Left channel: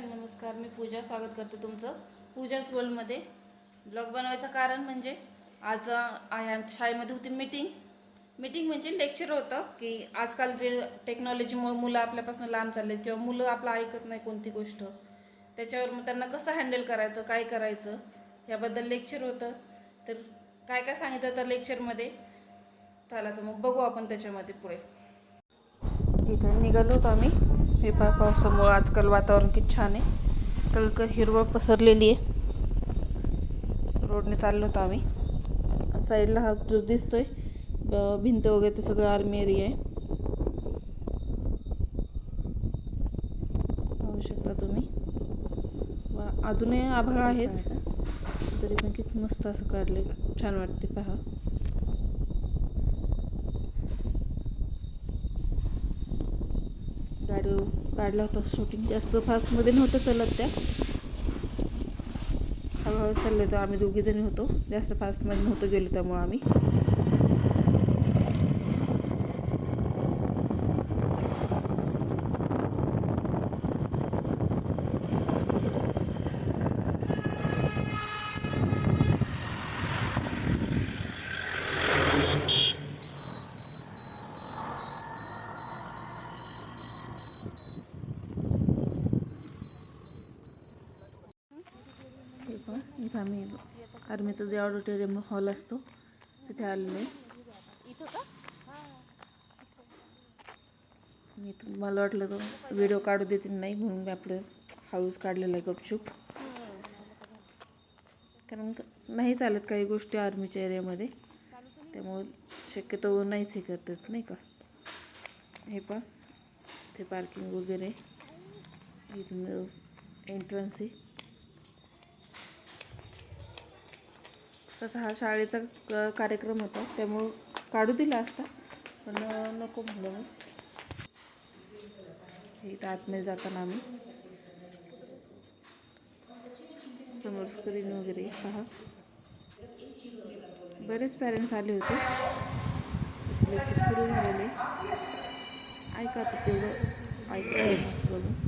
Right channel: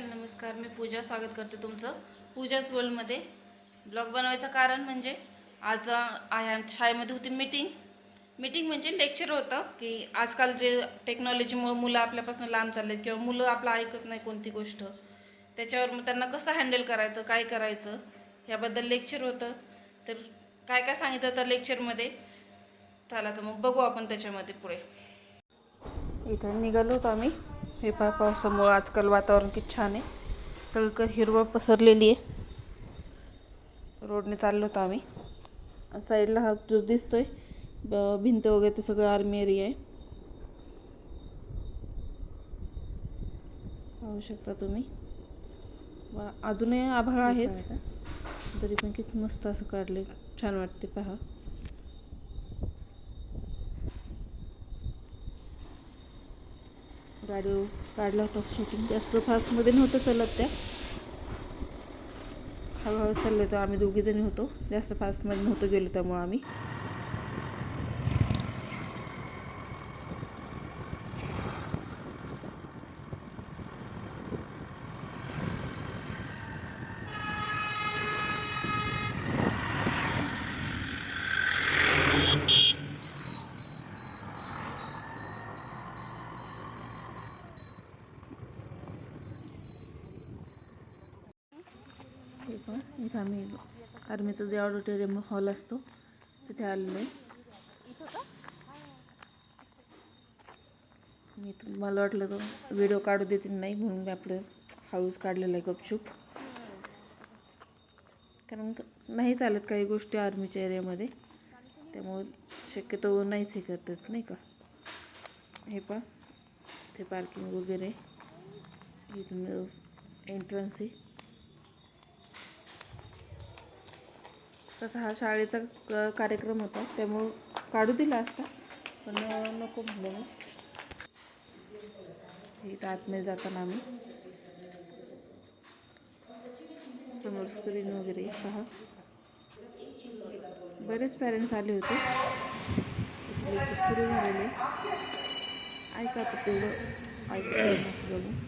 नमस्कार. मी पूजा. स्वागत करते तुमचं. पूजाच वर्ल्डमध्ये ब्लॉग बनवायचं कारण म्हणजे आज शाळेमध्ये होती मीटिंग मीटिंग म्हणजे लेक्चर होतं की आजकाल जे टेक्नॉलॉजीमुळे मुलं आपल्यापासून लांब चालले किंवा मुलं आपलं ऐकत नाही कोणती गोष्ट त्याच्यावर मग त्यांना कसं हँडल करायचं काय करायचं याबद्दल लेक्चर होतं. तर काय काय सांगितलं तर लेक्चरमध्ये चला तर मग बघू आपण त्याच्यामध्ये पुढे. इथं निघालो होतो आम्ही. हे पा पावसामुळं आजकाल वातावरण किती छान आहे. सगळीकडे हिरवळ पसरलेली आहे. रोडने चाललो होतो आम्ही. साईडला हा जो दिसतोय भिंत वगैरे ते सगळं आर्मी एरिया आहे. पाहू शकता तुम्ही. अजूनही आभाळ आहेच तरी पण किती मस्त असं काढले छान वाटते पहा. काढू काढला होता शूटिंग जास्त फास्टमध्ये नव्हतं चालत त्या हळूहळू चाललो होतो आम्ही दोघीजणी होतो. जास्त फास्टमध्ये नव्हतं गेलो त्यामुळं आम्ही. हे पहा इथं आम्ही आर्मीचं जे ऑडिटोरियम हॉल असतो तिथे आलेलो आहे. मी तर- मला वाटलं तर व्हिडिओ काढू देतील नाही म्हणून मी आपलं हाऊस काढलेला आहे गपचूप. कारण नाही चालत काही गोष्टी आर्मीच्या एरियामध्ये. त्यामुळं शक्यतो नाहीच हे करतात नाही का? हे पण ते पार्किंग वगैरे. इथून एंट्रन्स आहे. तसा हा शाळेचा क- कार्यक्रम होता. त्यामुळं काढू दिला असता. पण नको म्हणलं मीच हे इथं आतमध्ये जाताना आम्ही. समोर स्क्रीन वगैरे पहा. बरेच पॅरेंट्स आले होते. लेक्चर सुरू झालेले. ऐका आता तेवढं. ऐकलं बघून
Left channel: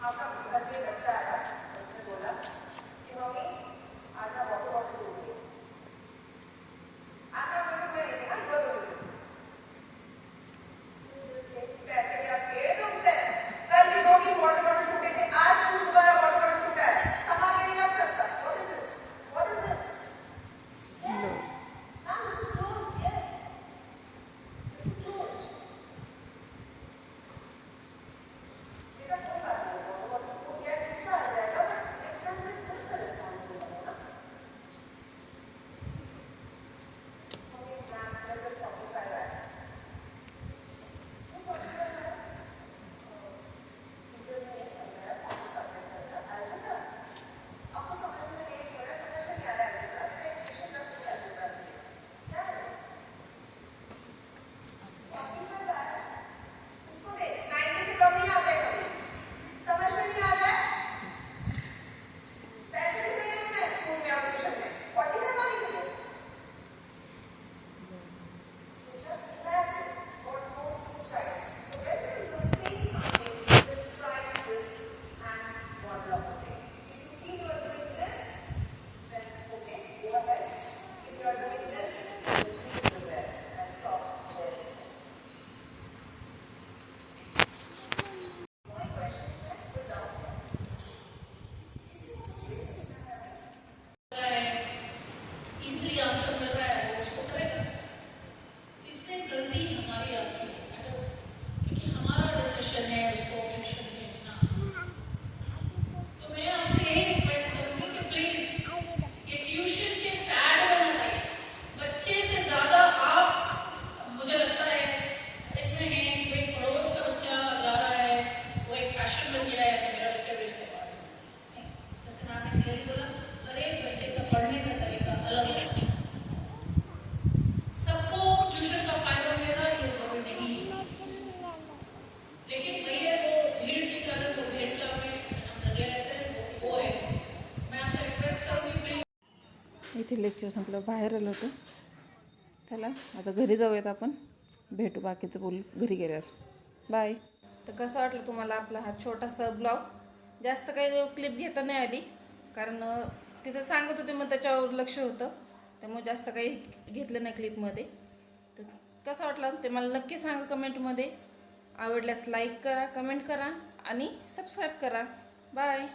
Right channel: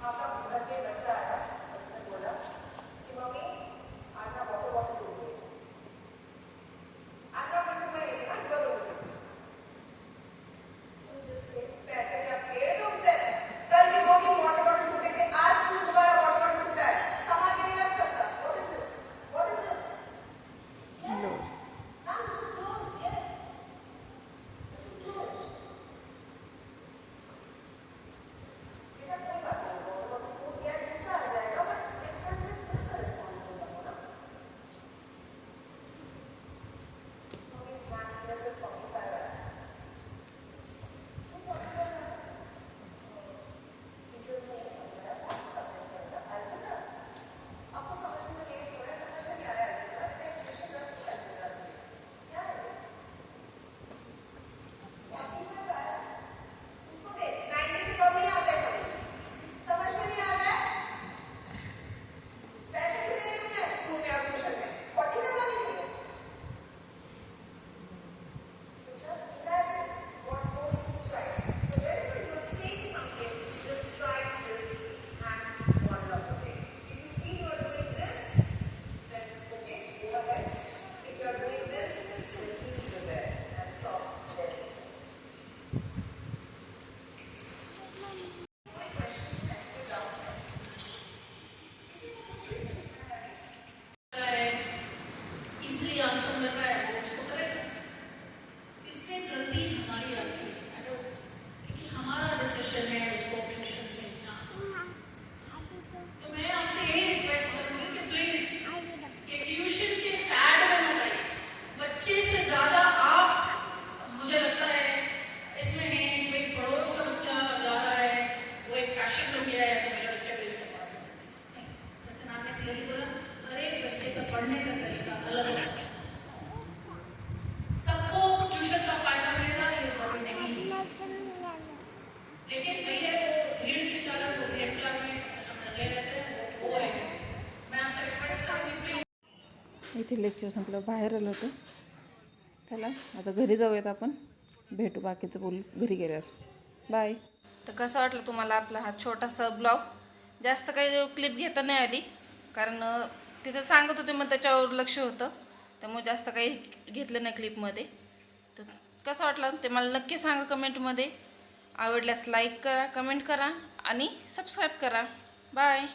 आपका गुजर के बच्चा आया उसने बोला कि मम्मी आज मैं इथे लेक्चर संपलं बाहेर आलं होतं. चला आता घरी जाऊयात आपण. भेटू बाकीचं बोल घरी गेल्यावर. बाय तर कसं वाटलं तुम्हाला आपला हा छोटासा ब्लॉग जास्त काही क्लिप घेता नाही आली. कारण तिथं सांगत होते मग त्याच्यावर लक्ष होतं. त्यामुळे जास्त काही घेतलं नाही क्लिपमध्ये तर कसं वाटलं? ते मला नक्की सांगा कमेंटमध्ये आवडल्यास लाईक करा कमेंट करा आणि सबस्क्राईब करा. बाय